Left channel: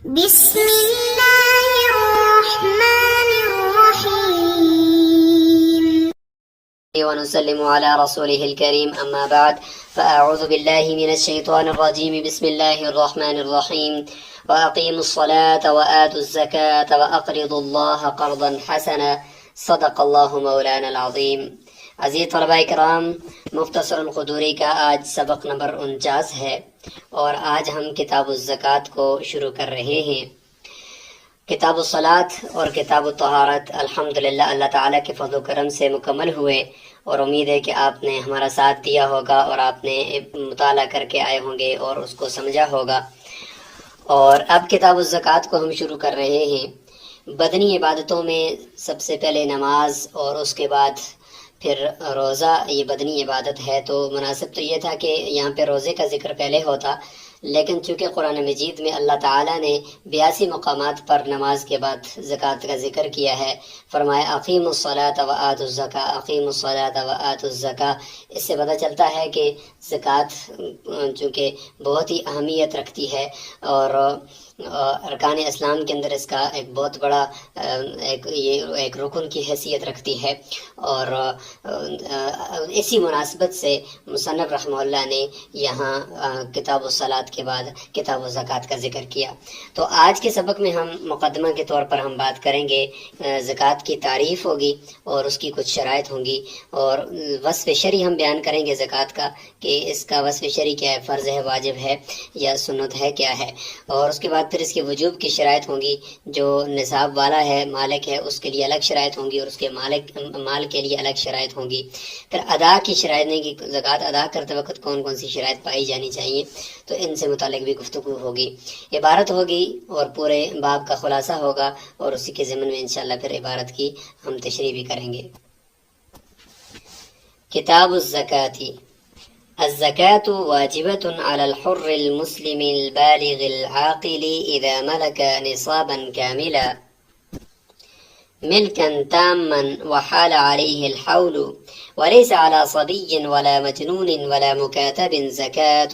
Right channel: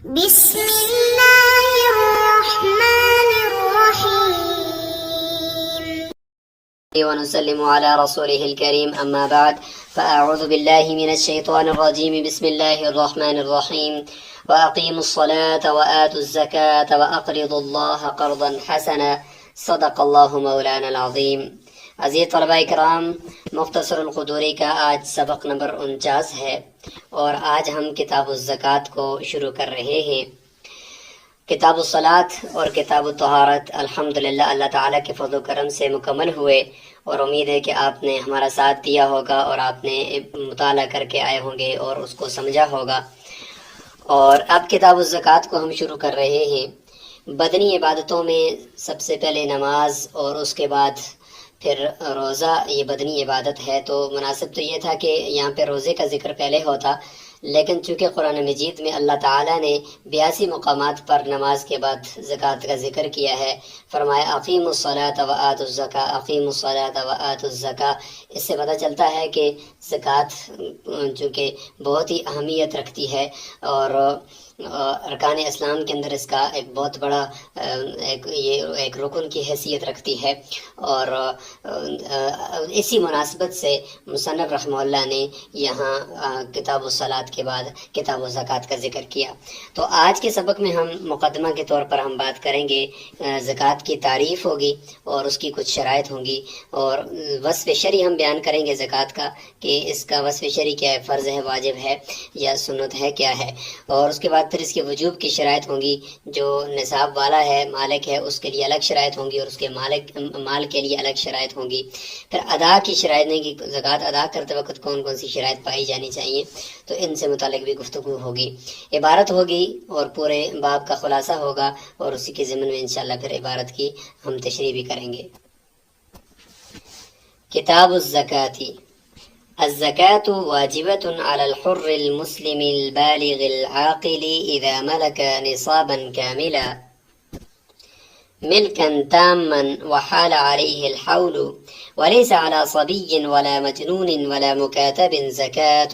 بسم الله الرحمن الرحيم ونسلم على رسوله الكريم أما بعد فأعوذ بالله من الشيطان الرجيم بسم الله الرحمن الرحيم وأقيموا الصلاة وآتوا الزكاة وأقرضوا الله قرضا حسنا صدق الله مولانا العظيم۔ عزیز طلباء کرام، مختصر القدوری کا آج سبق نمبر 49 ہے اور آج ہم کتاب الزکوٰۃ کو شروع کر رہے ہیں۔ کتاب الصلاۃ اور کتاب الطہارت الحمدللہ اللہ تعالیٰ کے فضل و کرم سے مکمل ہوئے اور امید ہے کہ آپ نے ہمارا ساتھ دیا ہوگا اور آپ نے مطالعہ کر کے آئے ہوں گے اور اس کو سمجھا ہوگا۔ اور اب کتاب الزکوٰۃ کو ہم شروع کر رہے ہیں۔ بدنی عبادتوں میں سب سے پہلے نماز اور اس کے بعد پھر روزہ، یہ بدنی عبادت ہے، تو مناسب تو یہ تھا کہ یہاں پہ روزے کا ذکر پہلے ہوتا، لیکن چونکہ قرآن مجید میں اللہ تعالیٰ نے 82 مقامات پر نماز کے بعد زکوٰۃ کا ذکر کیا ہے۔ فرمایا اقیموا الصلاۃ وآتوا الزکاۃ، اقیموا الصلاۃ وآتوا الزکاۃ۔ اس سے پتہ چلتا ہے کہ زکوٰۃ چونکہ بہت ہی اہمیت رکھتی ہے اور ارکان اسلام کے اندر اس کا ایک بہت بڑا ایک رکن کی حیثیت رکھتی ہے، اور اسی مناسبت سے مصنف رحمہ اللہ نے یہاں کتاب الصلاۃ کے بعد کتاب الزکوٰۃ کا ذکر کیا۔ تو آج کے سبق میں ہم مقدمہ کے طور پر ہم بات کریں گے، زکوٰۃ کی تعریف ہوگی اور اس کی کچھ شرائط ہوں گی، اور وصف شرعی ہم بیان کریں گے زکوٰۃ کا کہ اس کا وصف شرعی کیا ہے، فرض ہے، واجب ہے یا سنت ہے، کیا ہے، اور اس کے بعد پھر اس کے وجوب کی شرائط ہوں گی۔ جو نصاب والا ہے، مالک ہے، اس کے لیے الگ شرائط ہوں گی اور اس کے مال کے لیے الگ شرائط ہوں گی۔ پھر ادا کی شرائط نہیں کہ زکوٰۃ ادا کرتے وقت کون کون سی شرائط پائی جانی چاہیے، تو ان سے متعلق بھی گفتگو ہوگی، عبارت ہوگی اور پورے باب کا خلاصہ ہوگا، اور اسی کے ضمن میں انشاءاللہ پھر عبارت کی ہم تشریح بھی کریں گے۔ کتاب الزکاۃ۔ الزکاة واجبة على الحر المسلم البالغ العاقل إذا ملك نصابا كاملا ملكا تاما وحال عليه الحول، وليس على صبي ولا مجنون ولا مكاتب زكاة،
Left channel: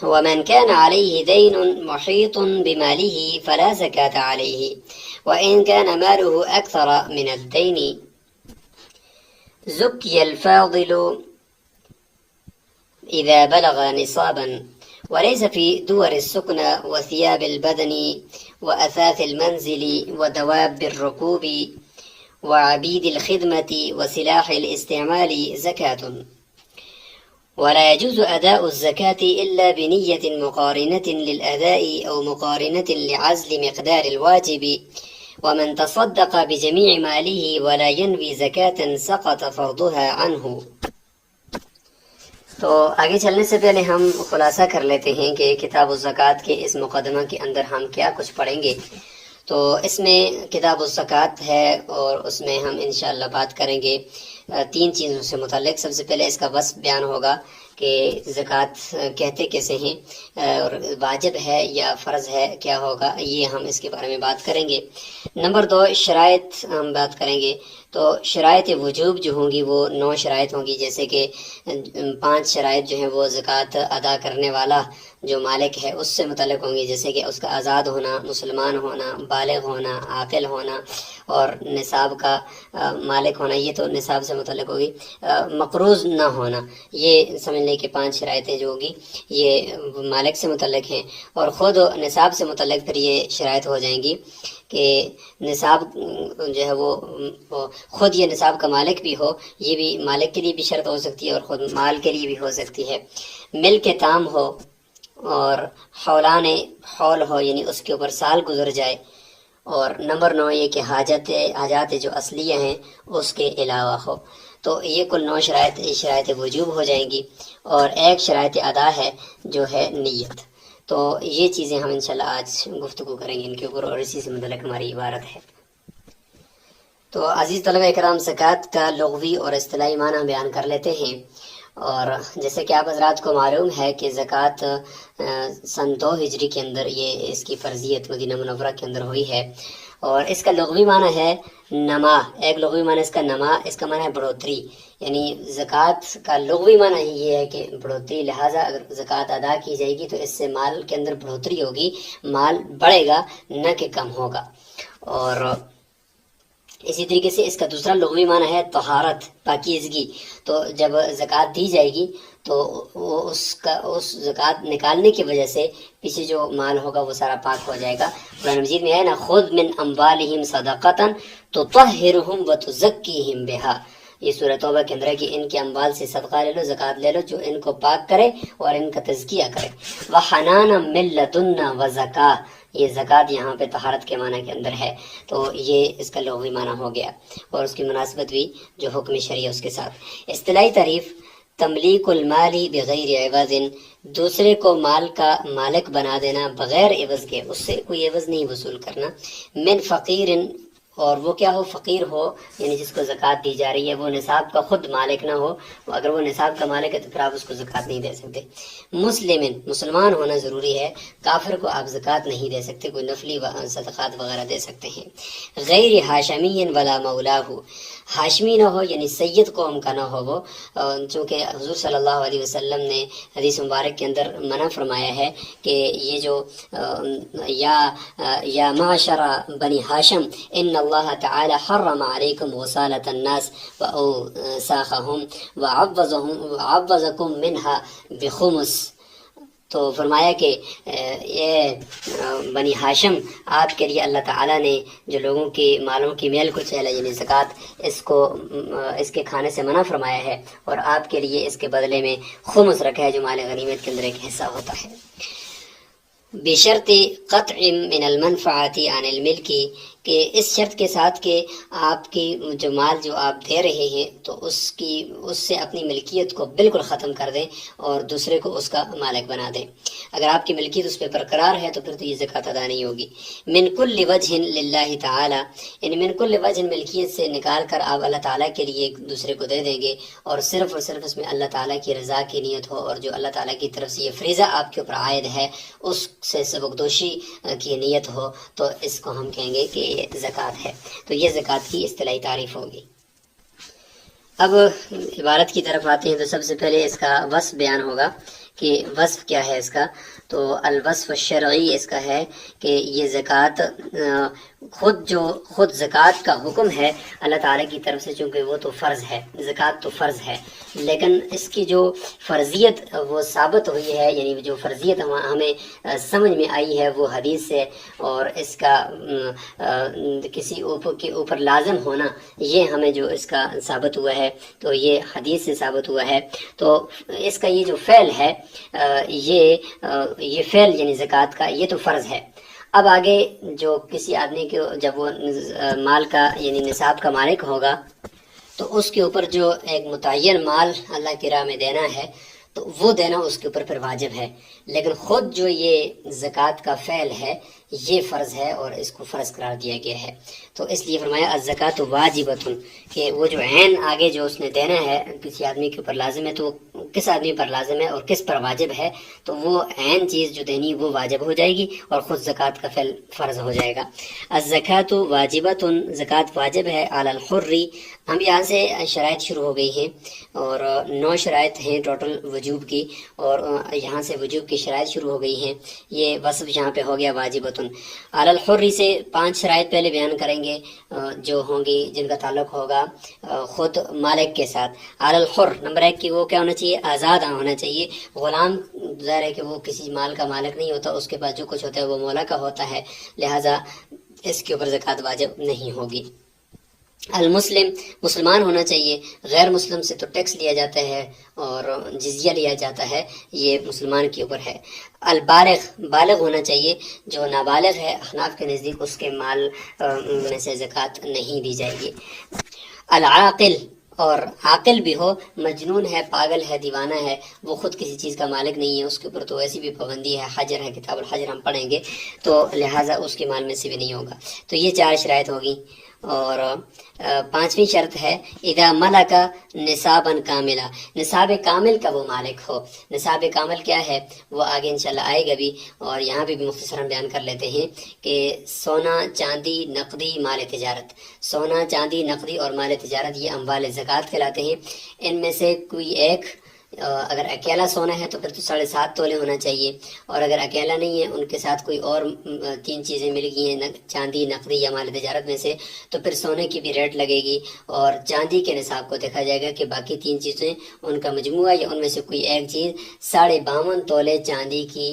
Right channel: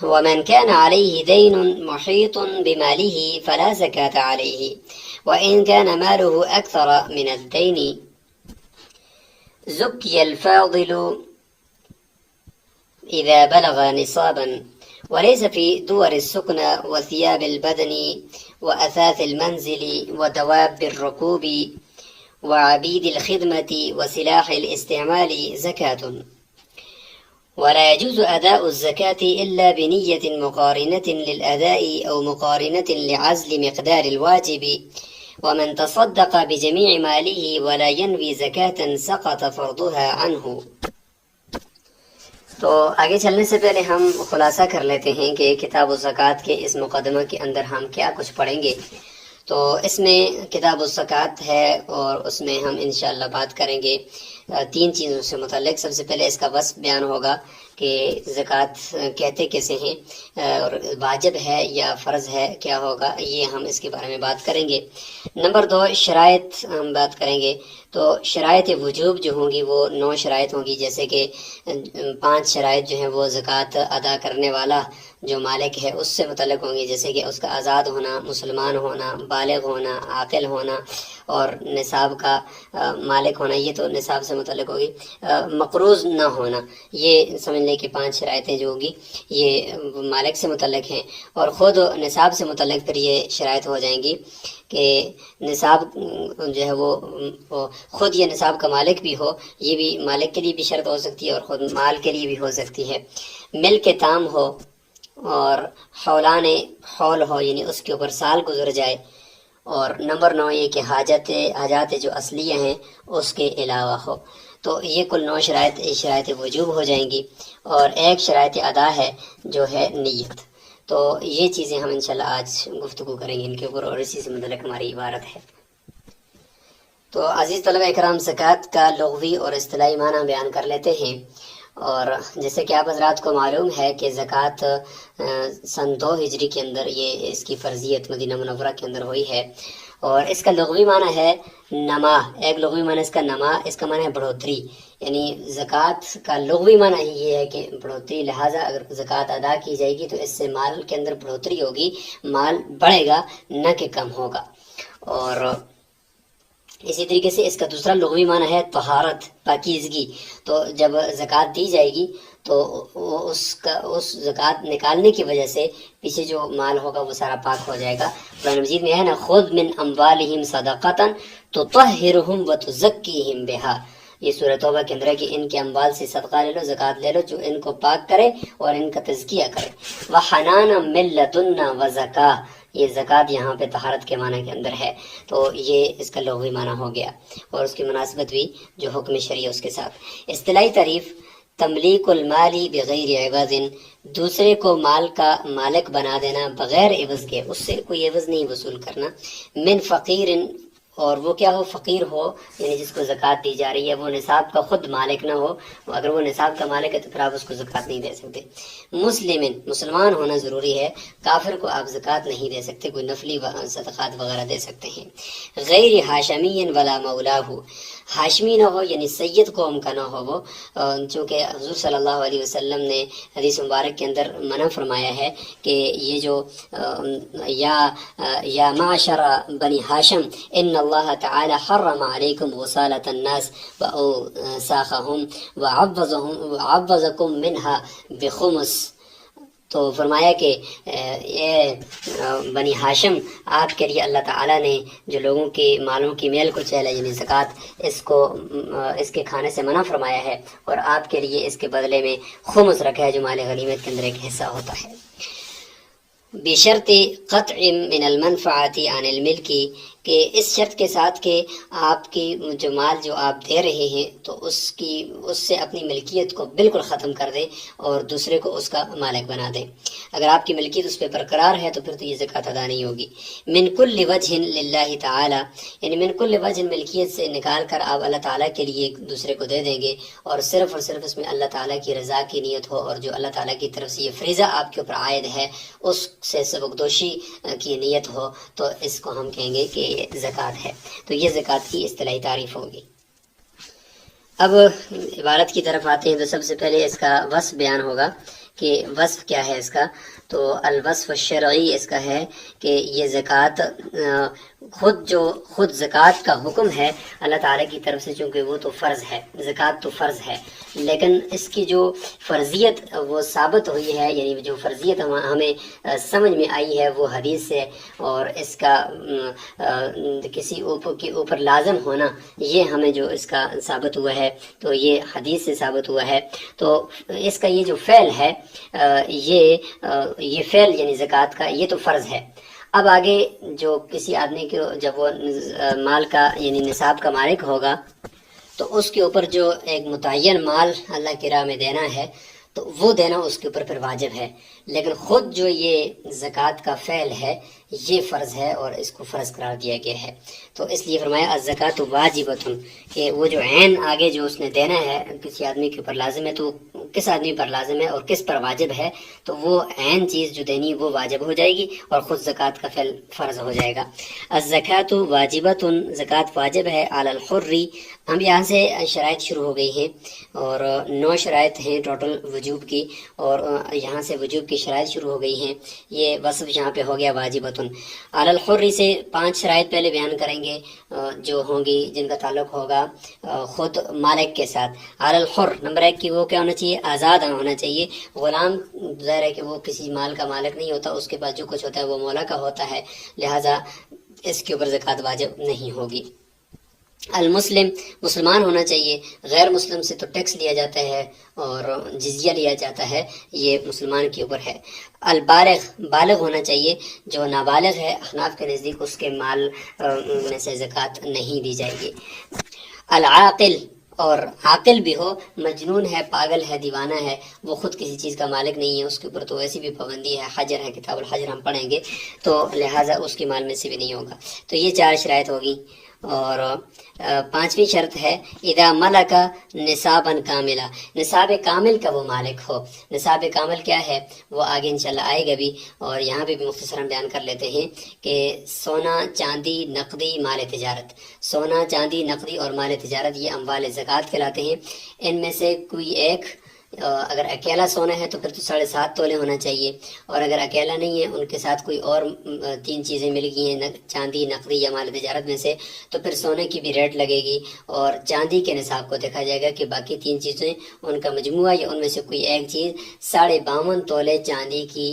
ومن كان عليه دين محيط بماله فلا زكاة عليه، وإن كان ماله أكثر من الدين زكي الفاضل إذا بلغ نصابا، وليس في دور السكن وثياب البدن وأثاث المنزل ودواب الركوب وعبيد الخدمة وسلاح الاستعمال زكاة، ولا يجوز أداء الزكاة إلا بنية مقارنة للأداء أو مقارنة لعزل مقدار الواجب، ومن تصدق بجميع ماله ولا ينوي زكاة سقط فرضها عنه۔ تو آگے چلنے سے پہلے ہم خلاصہ کر لیتے ہیں کہ کتاب الزکوٰۃ کے اس مقدمہ کے اندر ہم کیا کچھ پڑھیں گے۔ تو اس میں کتاب الزکوٰۃ ہے اور اس میں ہم انشاءاللہ بات کریں گے 3 چیزوں سے متعلق۔ سب سے پہلے اس کا وصف بیان ہوگا کہ زکوٰۃ کہتے کیسے ہیں، اور واجب ہے یا فرض ہے، کیا ہوگا، یہ ہم اس کے بارے میں بات کریں گے۔ نمبر 2 شرائط ہم بات کریں گے۔ تو شرائط وجوب جو ہوں گی وہ 9 شرائط ہوں گی، جیسے کہ 5 شرائط جو ہیں وہ زکوٰۃ ادا کرنے والا جو مالک ہے اس سے متعلق ہوں گی، جیسے کہ اس کا آزاد ہونا، مسلمان ہونا، بالغ ہونا، عاقل ہونا اور نصاب کا مالک ہونا، یہ تو نصاب سے متعلق ہوگی۔ مقروض نہ ہونا، یہ سمجھ لیں کہ 5 شرائطیں جو ہوں گی یہ مالک سے متعلق ہیں، اور خود نصاب سے متعلق پھر یہ شرائط ہو جائیں گی کہ نصاب جو ہے وہ خود یہ نصاب کا مالک بھی ہو، یہ بھی مالک کے لیے بھی شرط ہو سکتی ہے اور خود مال کے لیے بھی ہو سکتی ہے۔ مل کے تام ہو اور حولان حول ہو، یعنی اس کے اوپر سال گزر جائے، اور نمبر 9 یہ کہ حاجات جو اصلیہ ہیں اس کے علاوہ ہو۔ تو یہ کل 9 شرائط وجوب ہو جائیں گی، اور ایک شرائط ادا ہے جو ہے نیت۔ تو یہ چیزیں ہم انشاءاللہ آج گفتگو کریں گے ان کے اوپر، اور اسی سے متعلق ہماری عبارت ہے۔ تو عزیز طلبہ کرام، زکوٰۃ کا لغوی اور اصطلاحی معنی بیان کر لیتے ہیں۔ اور جیسے کہ آپ حضرات کو معلوم ہے کہ زکوٰۃ سن 2 ہجری کے اندر یہ اس کی فرضیت مدینہ منورہ کے اندر ہوئی ہے، اور اس کا لغوی معنی ہے نما، ایک لغوی معنی اس کا نما، اس کا معنی ہے بڑھوتری، یعنی زکوٰۃ کا لغوی معنی یہ ہے کہ بڑھوتری، لہٰذا اگر زکوٰۃ ادا کی جائے گی تو اس سے مال کے اندر بڑھوتری ہوگی، مال بڑھے گا نہ کہ کم ہوگا۔ اور اسی طریقے سے اس کا دوسرا لغوی معنی ہے طہارت، پاکیزگی، تو جب زکوٰۃ دی جائے گی تو اس زکوٰۃ نکالنے کی وجہ سے پیچھے جو مال ہوگا وہ سارا پاک ہو جائے گا۔ قرآن مجید میں ہے نا، خذ من اموالہم صدقۃ تطہرہم وتزکیہم بہا، یہ سورہ توبہ کے اندر ہے کہ ان کے اموال سے صدقہ لے لو، زکوٰۃ لے لو جو ان کو پاک کرے اور ان کا تزکیہ کرے۔ وحنانا من لدنا وزکاہ، یہ زکوٰۃ یہاں پہ طہارت کے معنی کے اندر ہے، تو یہ اس کا لغوی معنی ہو گیا، اور اس کی مناسبت بھی جو حکم شرعی اس کے ساتھ۔ اصطلاحی تعریف: تملیک المالی بغیر عوض، دوسرے کو مال کا مالک بنا دینا بغیر عوض کے، اس سے کوئی عوض نہیں وصول کرنا۔ من فقیر، اور وہ کیا ہو؟ فقیر ہو، یعنی جس کو زکوٰۃ دی جا رہی ہے وہ نصاب کا خود مالک نہ ہو، اگر وہ نصاب کا مالک ہے تو پھر آپ اس کو زکوٰۃ نہیں دے سکتے۔ مسلمن، مسلمان ہونا ضروری ہے، کافر کو آپ زکوٰۃ نہیں دے سکتے، کوئی نفلی صدقات وغیرہ دے سکتے ہیں۔ غیر ہاشمی ولا مولا ہو، ہاشمی نہ ہو یعنی سید قوم کا نہ ہو وہ، چونکہ حضور صلی اللہ علیہ وسلم نے حدیث مبارک کے اندر منع فرمایا ہے کہ یہ جو یا معشر بنی ہاشم ان اللہ تعالی حرم علیکم غسالۃ الناس واوساخهم وعوضکم منها بخمس، تو فرمایا کہ یہ بنی ہاشم، آپ کے لیے اللہ تعالیٰ نے جو لوگوں کی مالوں کی میل کچیل ہے یعنی زکوٰۃ، اس کے کھانے سے منع فرمایا ہے، اور آپ کے لیے اس کے بدلے میں خمس رکھا ہے جو مال غنیمت کے اندر ایک حصہ ہوتا ہے۔ بشرط قطع من المنفعت عن الملک، کہ اس شرط کے ساتھ کہ آپ کی جو مال جو آپ دے رہے ہیں تو اس سے اپنی ملکیت کو بالکل ختم کر دیں اور دوسرے کو اس کا مالک بنا دیں۔ اگر آپ کی ملکیت اس پہ برقرار ہے تو پھر تو یہ زکوٰۃ ادا نہیں ہوگی۔ من کل وجہ للہ تعالی، یعنی من کل وجہ، ملکیت سے نکال کر آپ اللہ تعالیٰ کے لیے ایک دوسرے کو دے دیں گے، اور صرف اس میں اللہ تعالیٰ کی رضا کی نیت ہو، اور جو اللہ تعالیٰ کی طرف سے یہ فریضہ آپ کے اوپر عائد ہے اس سے سبکدوشی کی نیت ہو، تو اس کو ہم کہیں گے کہ یہ زکوٰۃ ہے۔ تو یہ زکوٰۃ کی اصطلاحی تعریف ہوگی۔ اب عبارت کی طرف آتے ہیں تو سب سے پہلے اس کا وصف بیان ہوگا کہ وصف کیا ہے اس کا۔ تو الوصف الشرعی اس کا ہے کہ یہ زکوٰۃ خود زکوٰۃ کا حکم ہے اللہ تعالیٰ کی طرف سے، چونکہ وہ تو فرض ہے، زکوٰۃ تو فرض ہے، لیکن اس کی جو فرضیت وہ ثابت ہوئی ہے، یعنی جو فرضیت ہمیں سمجھ میں آئی ہے وہ حدیث سے، اور اس کا کسی کے اوپر لازم ہونا یہ ہمیں جو اس کا ثابت ہوا ہے تو یہ حدیث سے ثابت ہوا ہے۔ تو اس کا یہ جو فعل ہے، یہ فعل یعنی زکوٰۃ کا یہ تو فرض ہے۔ اب آگے جو کسی آدمی کو جب وہ مال کا یعنی نصاب کا مالک ہوگا تو اس کے اوپر جو ایک متعین مال اللہ کی راہ میں دینا ہے تو وہ دینا اس کے اوپر پھر واجب ہے، لیکن خود جو یہ زکوٰۃ کا فعل ہے یہ فرض ہے اور اس کو فرض قرار دیا گیا ہے۔ تو اس لیے فرمایا الزکوٰۃ واجبۃ، کہ وہ جو عین آگے جو اس نے دینا ہے کسی آدمی کے اوپر لازم ہے، تو کس آدمی پر لازم ہے اور کس پر واجب ہے، تو وہ عین چیز جو دینی وہ واجب ہو جائے گی اور خود زکوٰۃ کا فعل فرض ہو جائے گا۔ الزکوٰۃ واجبۃ، زکوٰۃ واجب ہے علی الحر، ہم یہاں سے شرائط شروع ہو گئی ہیں اور 9 شرائط ہیں ٹوٹل وجوب کی، اور یہاں سے وجوب کی شرائط شروع ہو گئی ہیں، یہ وصف یہاں پہ ہو گیا واجبۃ۔ علی الحر سے 5 شرائط پہلے بیان کریں گے جو ہوں گی جن کا تعلق ہوگا خود مالک کے ساتھ۔ علی الحر نمبر 1 کی وہ کیا ہونا چاہیے؟ آزاد ہونا چاہیے۔ غلام ظاہر ہے کہ وہ کسی مال کا مالک نہیں ہوتا، اس کے پاس جو کچھ ہوتا ہے وہ مولا کا ہوتا ہے، لہذا اس کے اوپر زکوٰۃ واجب نہیں ہوگی۔ المسلم، مسلمان ہونا چاہیے، غیر مسلم سے تو ٹیکس لیا جاتا ہے اور جزیہ لیا جاتا ہے، یہ مسلمان کے اوپر ہے۔ البالغ، بالغ ہونا چاہیے، جو نابالغ ہے احناف کے نزدیک اس کے مال میں سے زکوٰۃ نہیں دی جائے گی۔ العاقل، اور عاقل بھی ہو، مجنون ہے، پاگل ہے، دیوانہ ہے، وہ خود کسی چیز کا مالک نہیں ہے، اس کے اوپر تو ویسی بھی پابندی ہے، حجر ہے، کتاب الحجر ہم پڑھیں گے، تو لہٰذا اس کے مال میں سے بھی نہیں ہوگا۔ تو یہ 4 شرائط ہوگی۔ اور پانچویں شرط ہے اذا ملک نصابا کاملا، نصاب کامل کا وہ مالک ہو۔ نصاب کامل کیا ہے وہ آگے انشاءاللہ آئے گا بھی، اور یہاں پہ بھی مختصراً بیان کر لیتے ہیں کہ سونا، چاندی، نقدی، مال تجارت، سونا، چاندی، نقدی اور مال تجارت یہ اموال زکوٰۃ کہلاتے ہیں۔ ان میں سے کوئی ایک اگر اکیلا سونا ہے تو پھر تو 7.5 تولے ہونا چاہیے، اور اگر اکیلا نہیں ہے، ان کے ساتھ کوئی اور 3 چیزیں مل گئی ہیں چاندی، نقدی یا مال تجارت میں سے، تو پھر سونے کی بھی ریٹ لگے گی، اور چاندی کے نصاب کو دیکھا جائے گا کہ باقی 3 چیزیں ان کا مجموعہ یا ان میں سے کوئی ایک چیز 52.5 تولے چاندی کی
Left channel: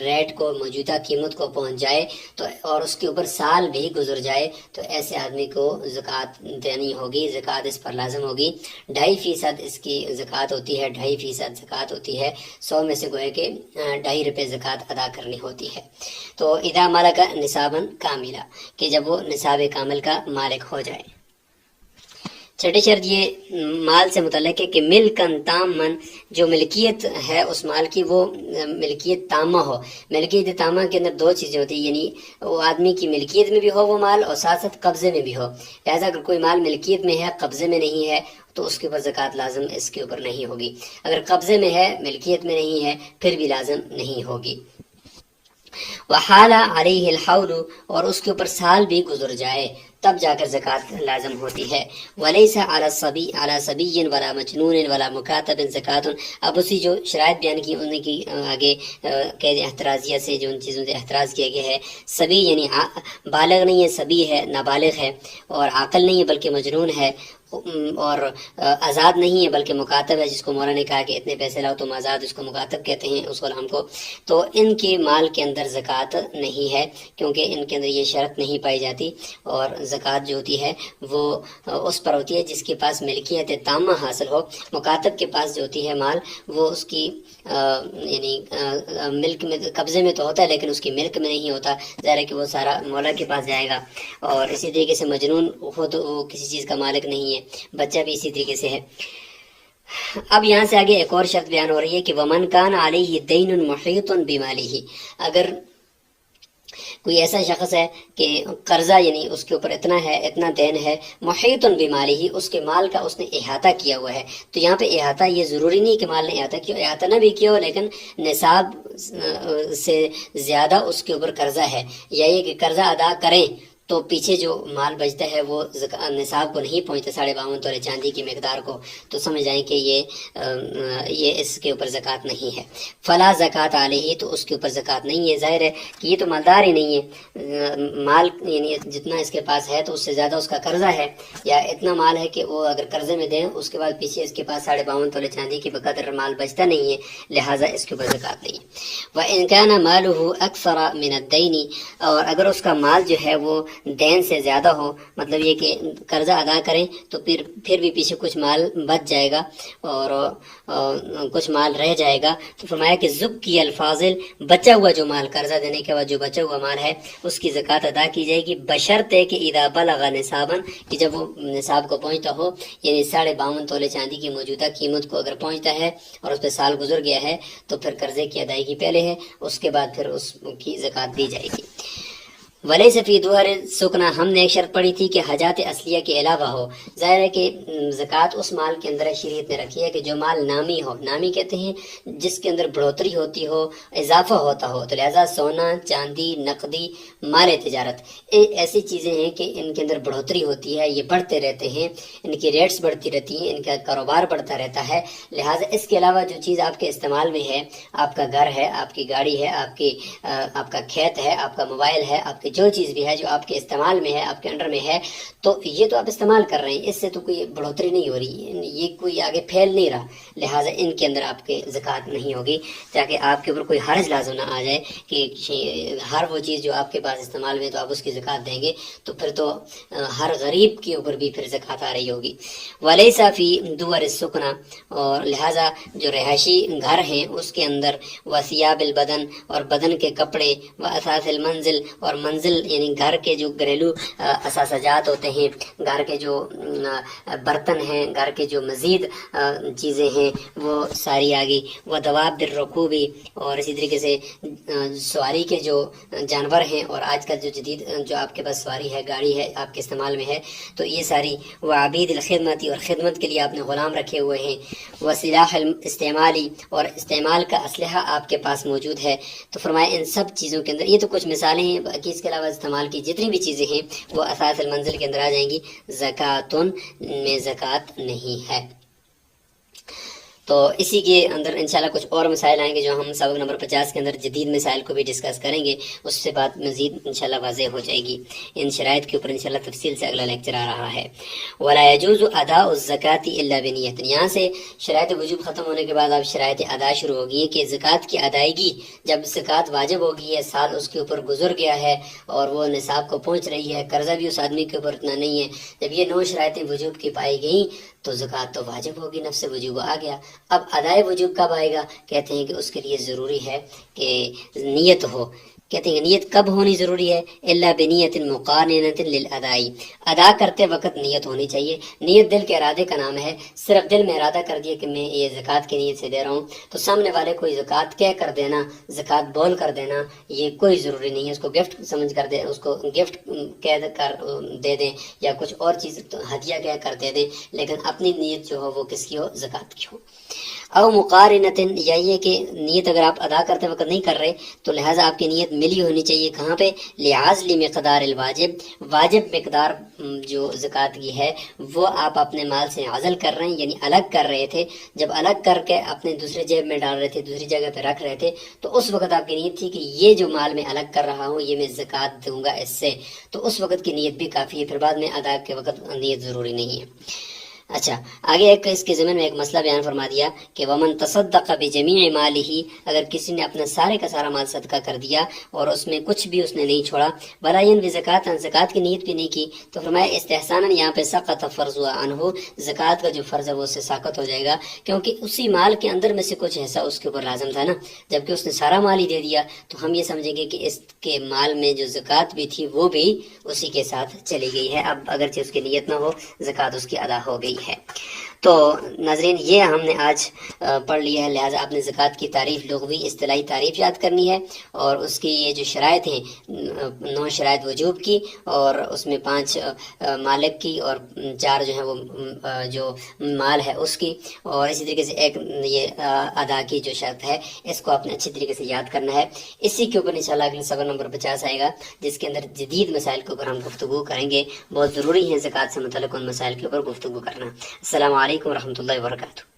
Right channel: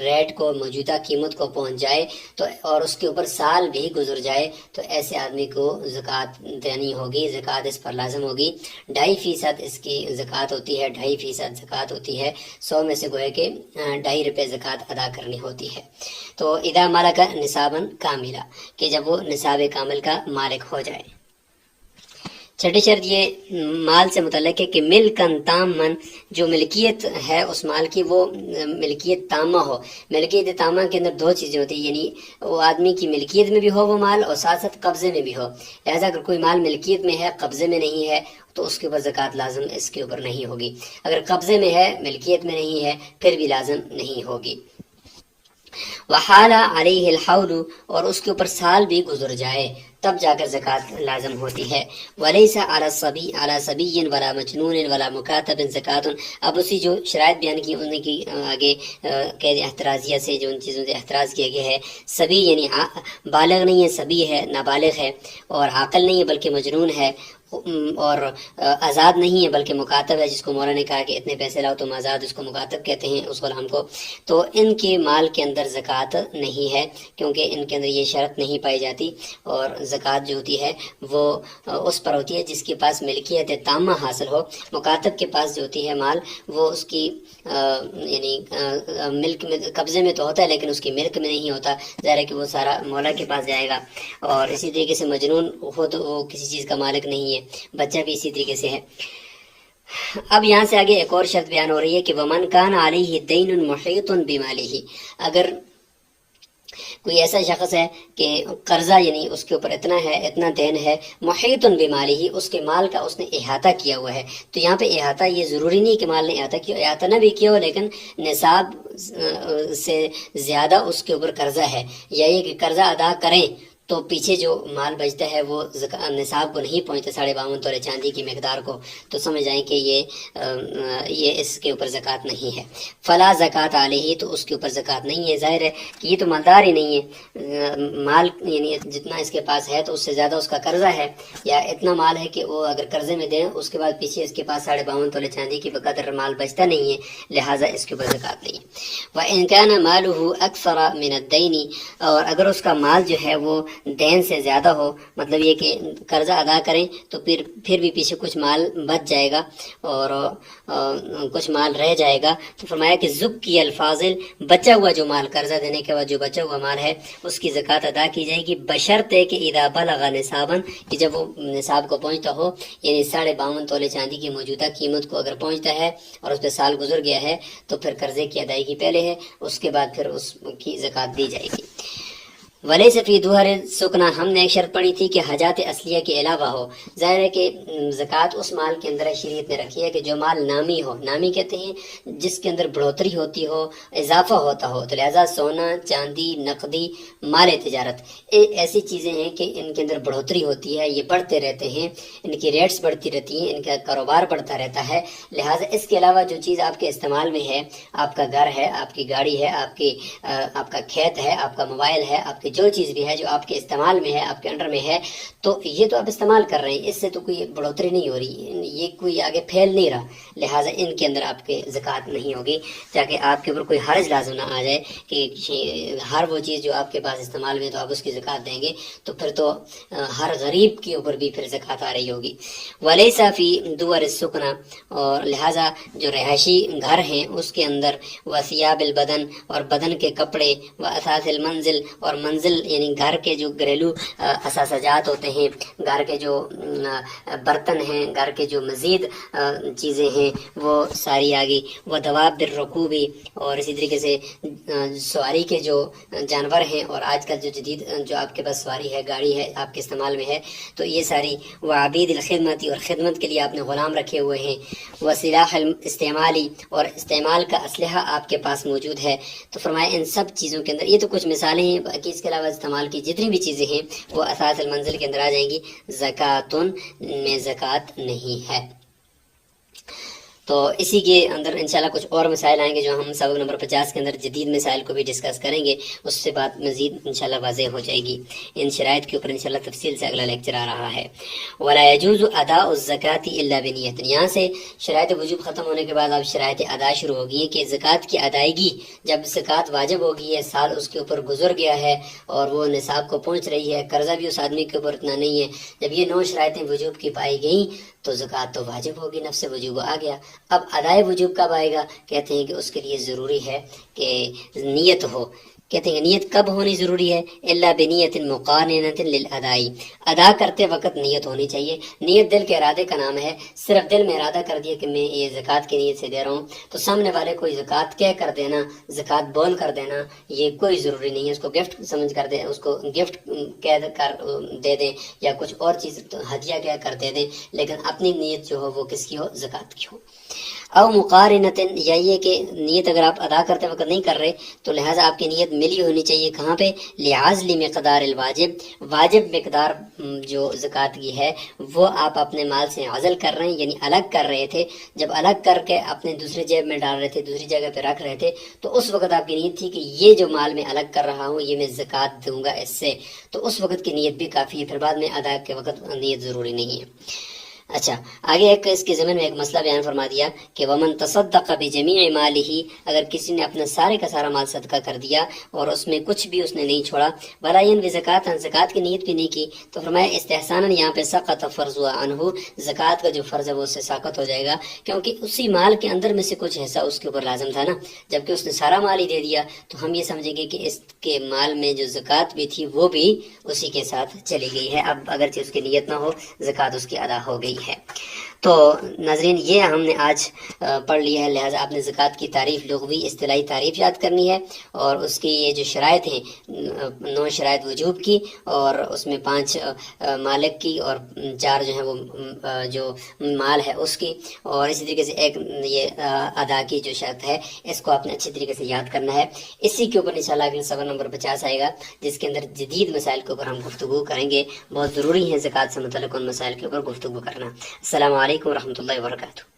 ریٹ کو، موجودہ قیمت کو پہنچ جائے تو، اور اس کے اوپر سال بھی گزر جائے، تو ایسے آدمی کو زکوٰۃ دینی ہوگی، زکوٰۃ اس پر لازم ہوگی۔ 2.5% اس کی زکوٰۃ ہوتی ہے، 2.5% زکوٰۃ ہوتی ہے، 100 میں سے گوئے کہ 2.5 روپے زکوٰۃ ادا کرنی ہوتی ہے۔ تو اذا ملک نصابا کاملا، کہ جب وہ نصاب کامل کا مالک ہو جائے۔ چھٹی شرط یہ مال سے متعلق ہے کہ ملکن تامن، جو ملکیت ہے اس مال کی وہ ملکیت تامہ ہو۔ ملکیت تامہ کے اندر 2 چیزیں ہوتی ہیں، یعنی وہ آدمی کی ملکیت میں بھی ہو وہ مال، اور ساتھ ساتھ قبضے میں بھی ہو۔ لہٰذا اگر کوئی مال ملکیت میں ہے قبضے میں نہیں ہے تو اس کے اوپر زکوٰۃ لازم اس کے اوپر نہیں ہوگی، اگر قبضے میں ہے ملکیت میں نہیں ہے پھر بھی لازم نہیں ہوگی۔ وحال علیہ الحول، اور اس کے اوپر سال بھی گزر جائے تب جا کر زکوٰۃ لازم ہوتی ہے۔ ولیس علی الصبی علی صبی ولا مجنون ولا مکاتب زکوٰۃ، اب اسی جو شرائط بیان کی ان کی آگے قید احترازیہ سے جو ان چیزوں سے احتراز کیا گیا ہے، صبی یعنی بالغ نہیں ہے، صبی ہے نابالغ ہے، اور عاقل نہیں ہے بلکہ مجنون ہے، اور آزاد نہیں ہے بلکہ مکاتب ہے، جس کو مولا نے کہا کہ اتنے پیسے لاؤ تم آزاد، اس کو مکاتب کہتے ہیں اس غلام کو۔ تو ان کے مال کے اندر زکوٰۃ نہیں ہے، کیونکہ ان کے اندر یہ شرط نہیں پائی جاتی، اور زکوٰۃ جو ہوتی ہے وہ اس پر ہوتی ہے جس کے پاس ملکیت تامہ حاصل ہو۔ مکاتب کے پاس جو ہوتی ہے مال وہ اس کی یعنی ملک میں، قبضے میں تو ہوتا ہے لیکن اس کی ملک میں نہیں ہوتا، ظاہر ہے کہ وہ سارا مولا کے پاس جائے گا۔ اور اسی طریقے سے مجنون ہو تو وہ کسی چیز کا مالک نہیں ہے، بچہ بھی اسی طریقے سے ہے۔ اب یہاں سے آگے ایک اور شرط بیان ہو رہی ہے کہ ومن کان علیہ دین محیط بمالہ، اگر کوئی ایسا شخص ہے کہ قرضہ یعنی اس کے اوپر اتنا ہے، اتنا دین ہے، محیط بمالہ، اس کے مال کا اس نے احاطہ کیا ہوا ہے۔ تو یہاں پہ احاطہ یہ ضروری نہیں کہ مال نے احاطہ کیا، احاطہ نہ بھی کیا ہو لیکن نصاب سے زیادہ اس کے اوپر قرضہ ہے، یا یہ کہ قرضہ ادا کریں تو پیچھے جو مال بچتا ہے وہ نصاب کو نہیں پہنچتا 52.5 تولے چاندی کی مقدار کو، تو سمجھ جائیں کہ یہ اس کے اوپر زکوٰۃ نہیں ہے۔ فلا زکوٰۃ علیہ، تو اس کے اوپر زکوٰۃ نہیں ہے۔ ظاہر ہے کہ یہ تو مالدار ہی نہیں ہے، مال یعنی جتنا اس کے پاس ہے تو اس سے زیادہ اس کا قرضہ ہے، یا اتنا مال ہے کہ وہ اگر قرضے میں دیں اس کے بعد پیچھے اس کے پاس 52.5 تولے چاندی کی بقدر مال بچتا نہیں ہے، لہٰذا اس کے اوپر زکوٰۃ نہیں ہے۔ وَإِنْ كَانَ مَالُهُ أَكْثَرَ مِنَ الدَّيْنِ، اور اگر اس کا مال جو ہے وہ دین سے زیادہ ہو، مطلب یہ کہ قرضہ ادا کریں تو پھر بھی پیچھے کچھ مال بچ جائے گا اور کچھ مال رہ جائے گا، تو فرمایا کہ زکی الفاضل، بچا ہوا جو مال، قرضہ دینے کے بعد جو بچا ہوا مال ہے اس کی زکوٰۃ ادا کی جائے گی، بشرطے کہ اذا بلغ نصابا، کہ جب وہ نصاب کو پہنچتا ہو، یعنی 52.5 تولے چاندی کی موجودہ قیمت کو اگر پہنچتا ہے اور اس پہ سال گزر گیا ہے تو پھر قرضے کی ادائیگی پہلے ہے، اس کے بعد پھر اس کی زکوٰۃ دی جائے گی۔ ولیس فی دوہر سکنا، ہم نے ایک شرط پڑھی تھی کہ حاجات اصلیہ کے علاوہ ہو۔ ظاہر ہے کہ زکوٰۃ اس مال کے اندر شریعت نے رکھی ہے کہ جو مال نامی ہو، نامی کہتے ہیں جس کے اندر بڑھوتری ہوتی ہو، اضافہ ہوتا ہو، تو لہذا سونا، چاندی، نقدی، مال تجارت، ایسی چیزیں ہیں کہ ان کے اندر بڑھوتری ہوتی ہے، یہ بڑھتے رہتے ہیں، ان کی ریٹس بڑھتی رہتی ہیں، ان کا کاروبار بڑھتا رہتا ہے، لہٰذا اس کے علاوہ جو چیز آپ کے استعمال میں ہے، آپ کا گھر ہے، آپ کی گاڑی ہے، آپ کا کھیت ہے، آپ کا موبائل ہے، آپ کی جو چیز بھی ہے جو آپ کے استعمال میں ہے، آپ کے انڈر میں ہے، تو یہ تو آپ استعمال کر رہے ہیں، اس سے تو کوئی بڑھوتری نہیں ہو رہی، یہ کوئی آگے پھیل نہیں رہا، لہٰذا ان کے اندر آپ کے زکوٰۃ نہیں ہوگی، تاکہ آپ کے اوپر کوئی حرج لازم نہ آ جائے کہ ہر وہ چیز جو آپ کے پاس استعمال میں تو آپ اس کی زکوٰۃ دیں گے، تو پھر تو ہر غریب کے اوپر بھی پھر زکوٰۃ آ رہی ہوگی۔ ولیس فی دور السکنا، اور لہٰذا جو رہائشی گھر ہیں اس کے اندر وثیاب البدن، اور بدن کے کپڑے، واثاث المنزل، اور منزل المنزل یعنی گھر کے جو گھریلو اثاثجات ہوتے ہیں، گھر کے جو برتن ہیں، گھر کے جو مزید چیزیں ہیں وہ ساری آ گئی. ودواب بالرکوبی، اور اسی طریقے سے سواری کے جو جانور ہیں، اور آج کل جو جدید جو آپ کے پاس سواری ہے، گاڑی ہے، آپ کے استعمال میں ہے، تو یہ ساری. وعبید الخدمتی، اور خدمت کے لیے آپ نے غلام رکھے ہوئے ہیں. وسلاح استعمالی، اور استعمال کا اسلحہ آپ کے پاس موجود ہے. تو فرمایا ان سب چیزوں کے اندر، یہ تو کچھ مثالیں ہیں، باقی اس کے علاوہ استعمال کی جتنی بھی چیزیں ہیں وہ اثاث المنزل کے اندر آ جائیں گی. زکاتن میں زکوٰۃ نہیں ہے. تو اسی کے اندر انشاءاللہ کچھ اور مسائل آئیں گے جو ہم سبق نمبر 50 کے اندر جدید مسائل کو بھی ڈسکس کریں گے، اس سے بات مزید انشاءاللہ واضح ہو جائے گی. ان شرائط کے اوپر انشاءاللہ تفصیل سے اگلا لیکچر آ رہا ہے. ولا يجوز اداء الزکاة الا بنیت. یہاں سے شرائط وجوب ختم ہونے کے بعد اب شرائط ادا شروع ہوگی ہیں کہ زکوٰۃ کی ادائیگی، جب زکوٰۃ واجب ہوگی ہے، سال اس کے اوپر گزر گیا ہے اور وہ نصاب کو پہنچ رہی ہے، قرضہ بھی اس آدمی کے اوپر اتنا نہیں ہے، جب یہ 9 شرائطیں وجوب کی پائی گئیں تو زکوٰۃ تو واجب ہوگی، نفس وجوب آ گیا. اب ادائے وجوب کب آئے گا؟ کہتے ہیں کہ اس کے لیے ضروری ہے کہ نیت ہو. کہتے ہیں کہ نیت کب ہونی ضروری ہے؟ الا بنیت مقارنۃ للادائی. ادا کرتے وقت نیت ہونی چاہیے. نیت دل کے ارادے کا نام ہے. صرف دل میں ارادہ کر دیا کہ میں یہ زکوٰۃ کی نیت سے دے رہا ہوں، تو سامنے والے کو زکوٰۃ کہہ کر دینا، زکوٰۃ بول کر دینا، یہ کوئی ضروری نہیں ہے. اس کو گفٹ سمجھ کر دیں، اس کو گفٹ کہہ کر دے دیں، یا کچھ اور چیز ہدیہ کہہ کر دے دیں، لیکن اپنی نیت جو ہو وہ کس کی ہو؟ زکوٰۃ کی ہو. او مقارنتن، یا یہ کہ نیت اگر آپ ادا کرتے وقت نہیں کر رہے تو لہٰذا آپ کی نیت ملی ہونی چاہیے. کہاں پہ؟ لعزل مقدار الواجب، واجب مقدار جو زکوٰۃ کی ہے وہ آپ اپنے مال سے عزل کر رہے ہیں، یعنی الگ کر رہے تھے. جب الگ کر کے اپنے دوسرے جیب میں ڈال رہے تھے، دوسری جگہ پہ رکھ رہے تھے، تو اس وقت آپ کی نیت تھی کہ یہ جو مال میں الگ کر رہا ہوں یہ میں زکوٰۃ دوں گا اس سے، تو اس وقت کی نیت بھی کافی ہے. پھر بعد میں ادا کے وقت نیت ضروری نہیں ہے. اچھا، آگے ایک اس کے ضمن میں ایک مسئلہ بیان فرما دیا کہ ومن تصدق بجمیع مالہ، اگر کسی نے اپنا سارے کا سارا مال صدقہ کر دیا اور اس میں کچھ بھی اس نے نہیں چھوڑا، ولا ینوی زکوٰۃ، زکوٰۃ کی نیت بھی نہیں کی، تو فرمایا استحسانا، یہاں پہ سقط فرض عنہ، زکوٰۃ کا جو فرض ہے وہ اس سے ساقط ہو جائے گا، کیونکہ اسی مال کے اندر میں سے کچھ حصہ اس کے اوپر لازم تھا نا، جبکہ اس نے سارا مال ہی دے دیا، تو ہم یہ سمجھیں گے کہ اس کے مال میں جو زکوٰۃ بھی تھی وہ بھی اسی کے ساتھ چلی گئی ہے. اب اگرچہ اس کی نیت نہ ہو، زکوٰۃ اس کی ادا ہو گئی ہے. تو ناظرین، یہ ہم نے آج پڑھ لیا ہے. لہٰذا آپ نے زکوٰۃ کی تعریف، لغوی اصطلاحی تعریف یاد کرنی ہے، اور اس کی یہ جو شرائط ہیں، 9 شرائط وجوب کی، اور اس میں 5 مالک کی، اور 4 جو ہیں وہ جو مال ہے اس کی، اور اسی طریقے سے ایک یہ ادا کی جو شرط ہے، اس کو آپ نے اچھی طریقے سے یاد کرنا ہے. اسی کے اوپر انشاءاللہ اگلے سبق نمبر 50 آئے گا، جس کے اندر جدید مسائل کے اوپر ہم گفتگو کریں گے. بہت ضروری ہے زکوٰۃ سے متعلق ان مسائل کے اوپر گفتگو کرنا. السلام علیکم ورحمۃ اللہ وبرکاتہ.